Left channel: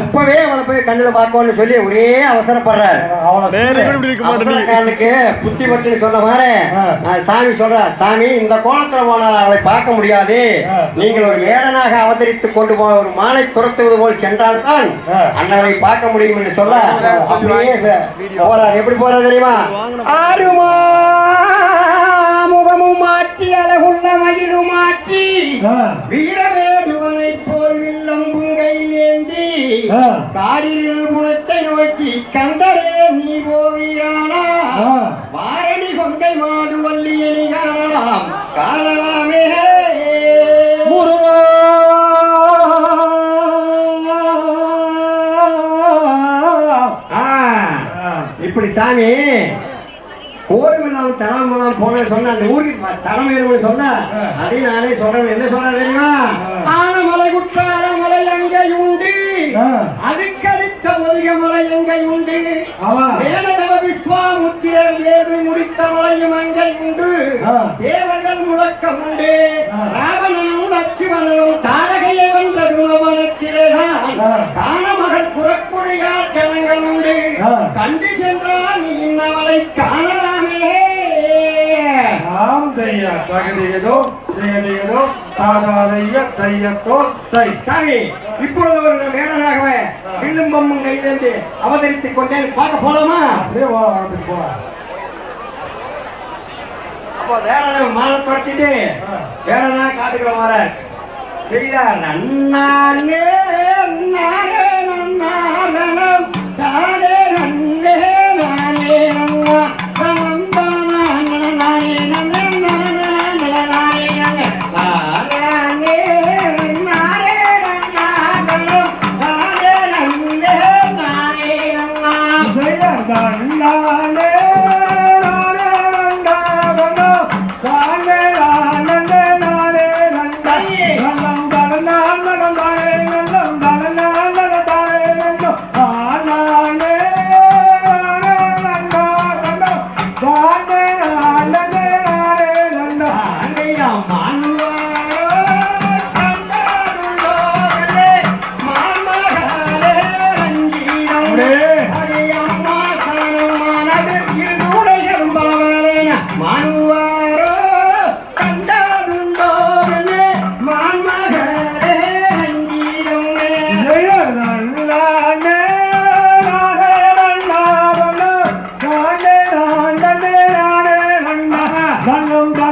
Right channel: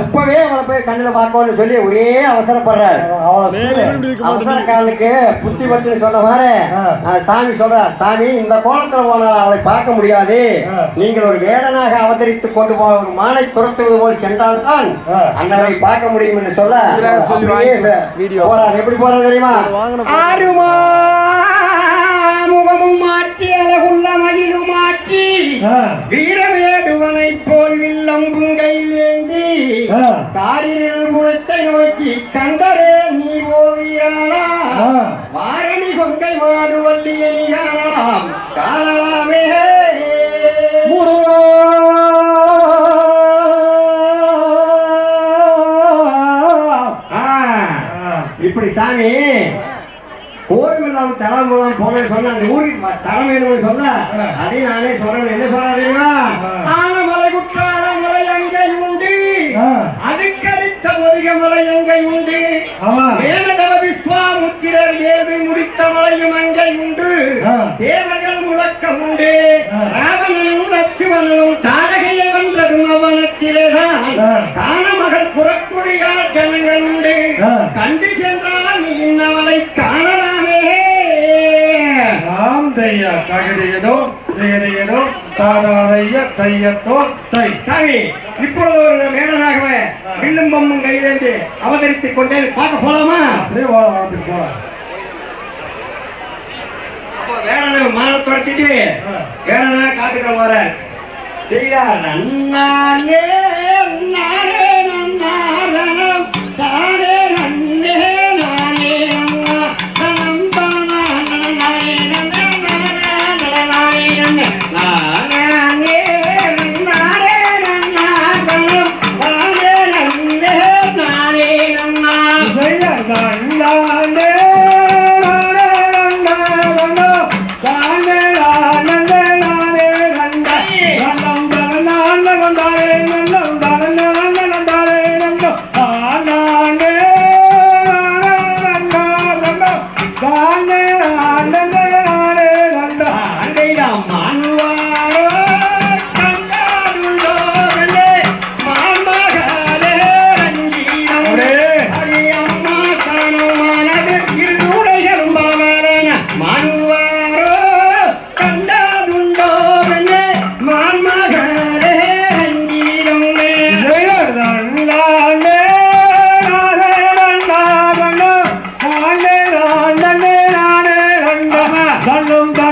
இப்பவே அவளை போய் கண்ணுல பார்க்கணும்னு சொல்லி ஒரே அவசரப்படுறார். புத்தி பட்டு சொன்ன மாதிரி நான் சாமி சொல்றேன் சாமி இந்த கோலத்துல போனால் அவளை பார்க்க முடியாது. நீங்கள் ஒரு வேடனாக அவதரித்து கொண்டு போன ஒரு மானை துரத்துவது போல் சென்றால்தான் ஆ. அண்ணனை பார்க்க முடியும் என்று சொல்ல சொல்லி. போறார். எப்படி போறார் தெரியுமா? முகமும் மாற்றி அழகுள்ள மயிலும் மாற்றி வீரவேடுவனை போல் வில்லம்பும் ஆ. காரில் முளைத்தை நோக்கி கண்டரே நீ ஓவீரானா ஆ. வாரணி கொங்கை மாடு வள்ளியனி காணலாம். காணலாமே. முருகா. ஆ, இப்படி சாமி கோயிலாம் தலைமுலம் போன சொன்ன அந்த ஊருக்கு தலைமையிலும் சொன்ன அதை நானே சொல்றேன். என்ன சொல்றேன் தெரியுமா? முதிக மலை எங்கே உண்டு ஆமா. வேததவ விஸ்வாமுத்திரர் ஏது முடித்த மலையும் அங்கே உண்டு. தேவர்கள் முழக்கம் உண்டு. ராவணனும் லட்சுமணனும் தாரகையை வென்றதும் அவனத்திலேதான் ஆ. காணமகள் புறக்குடியார் ஜனங்கள் உண்டு. கண்டு சென்றால் நீ இன்னவளை காணலாமே ஆம் தையா தகுதியதோ தேதியதோ தாராதைய தையத்தோ தை சாமி இப்பொழுது ஒரு மேடனாக வில்லும் பொம்மும் கையிலிருந்து அவதரித்துக் கொண்டேன் பார்க்க போலாமா? அப்படியே போலாம் அப்படி போலாம். அப்ப வேடனை மான துரத்திட்டு. வேடனா காட்டுக்கு போற செய்தார் நன்னானே Alondra.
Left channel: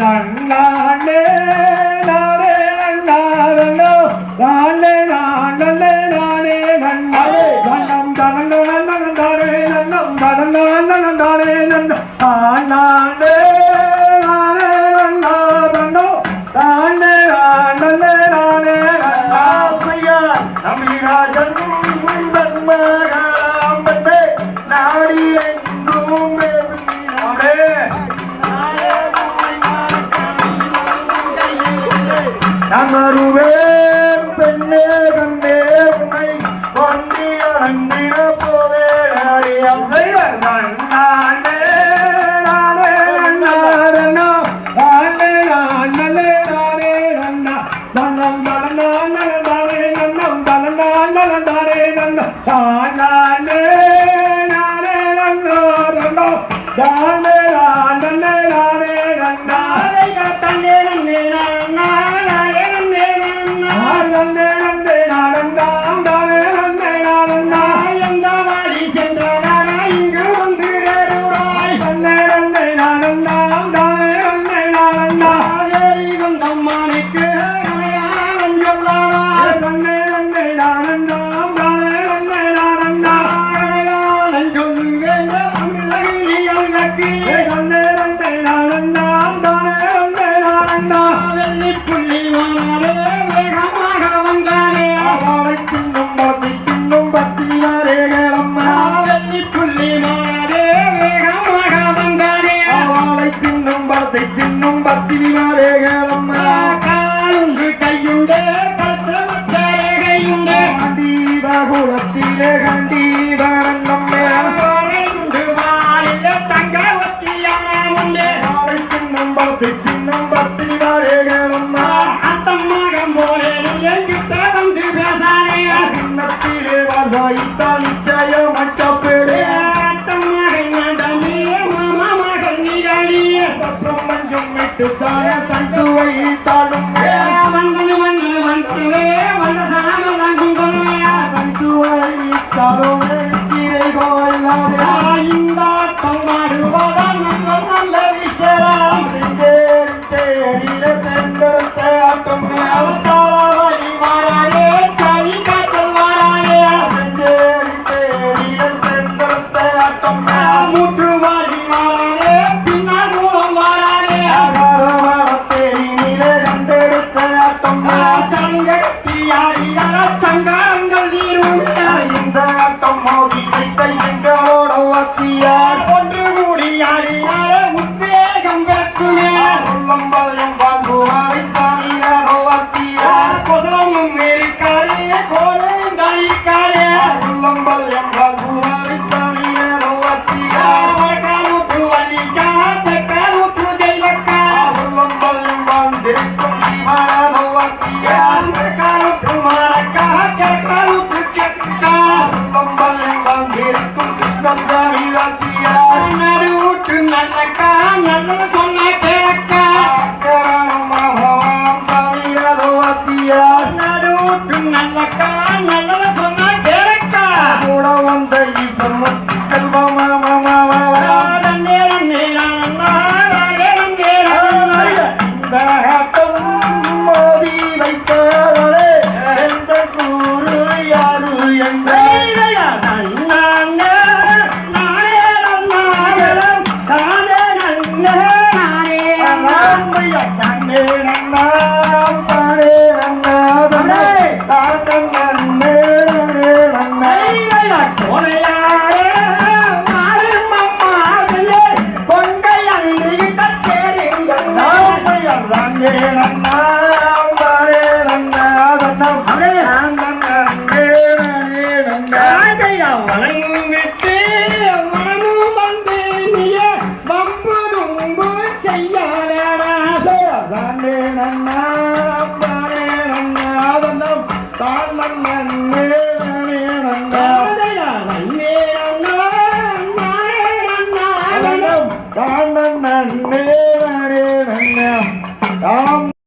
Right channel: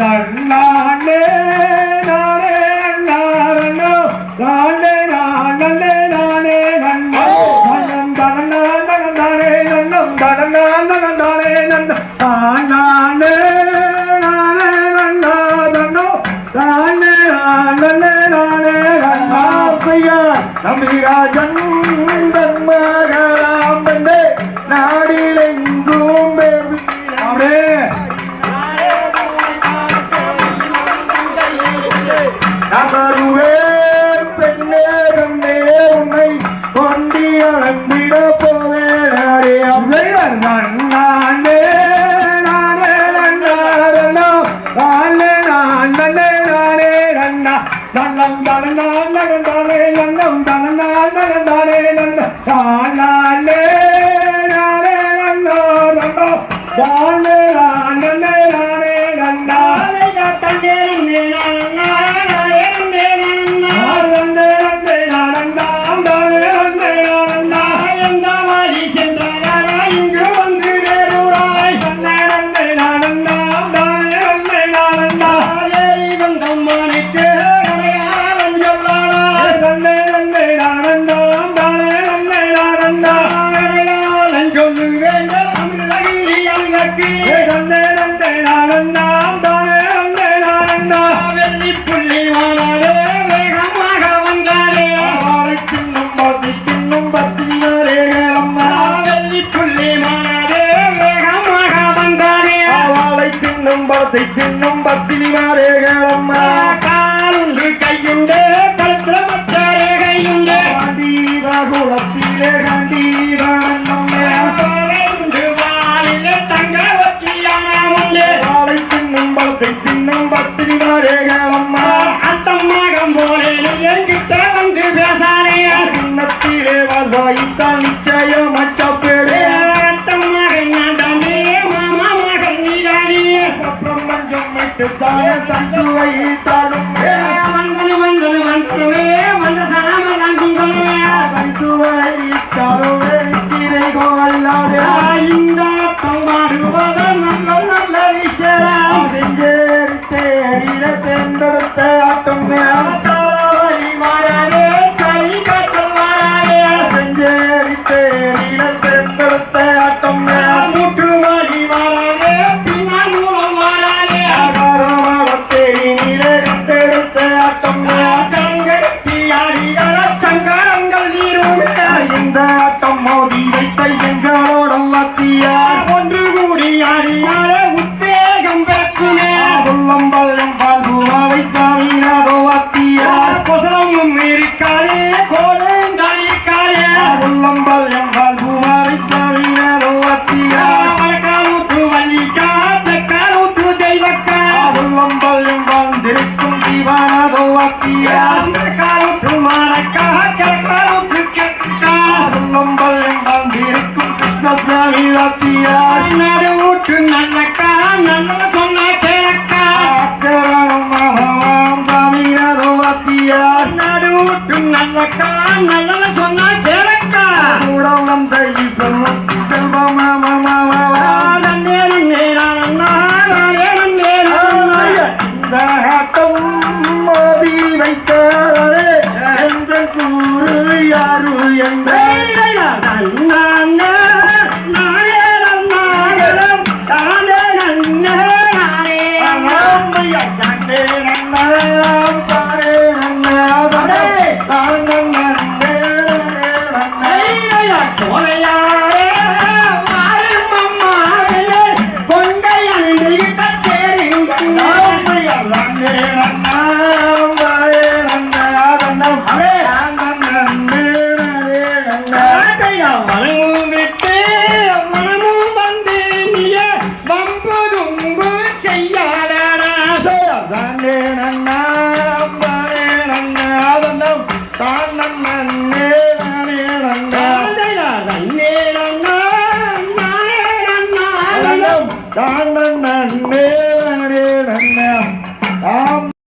தருளாளே Amen. பிரம்மஞ்சம் விட்டு தான தந்துவை தாழும் தாண்டே நன்னா அம்பானே நன்னா தன்னம் தான் நன்னே நானே நன்னா. நன்னே நன்னா நானே நன்னா. தன்னம் தான் நன்னே நன்னா தாம்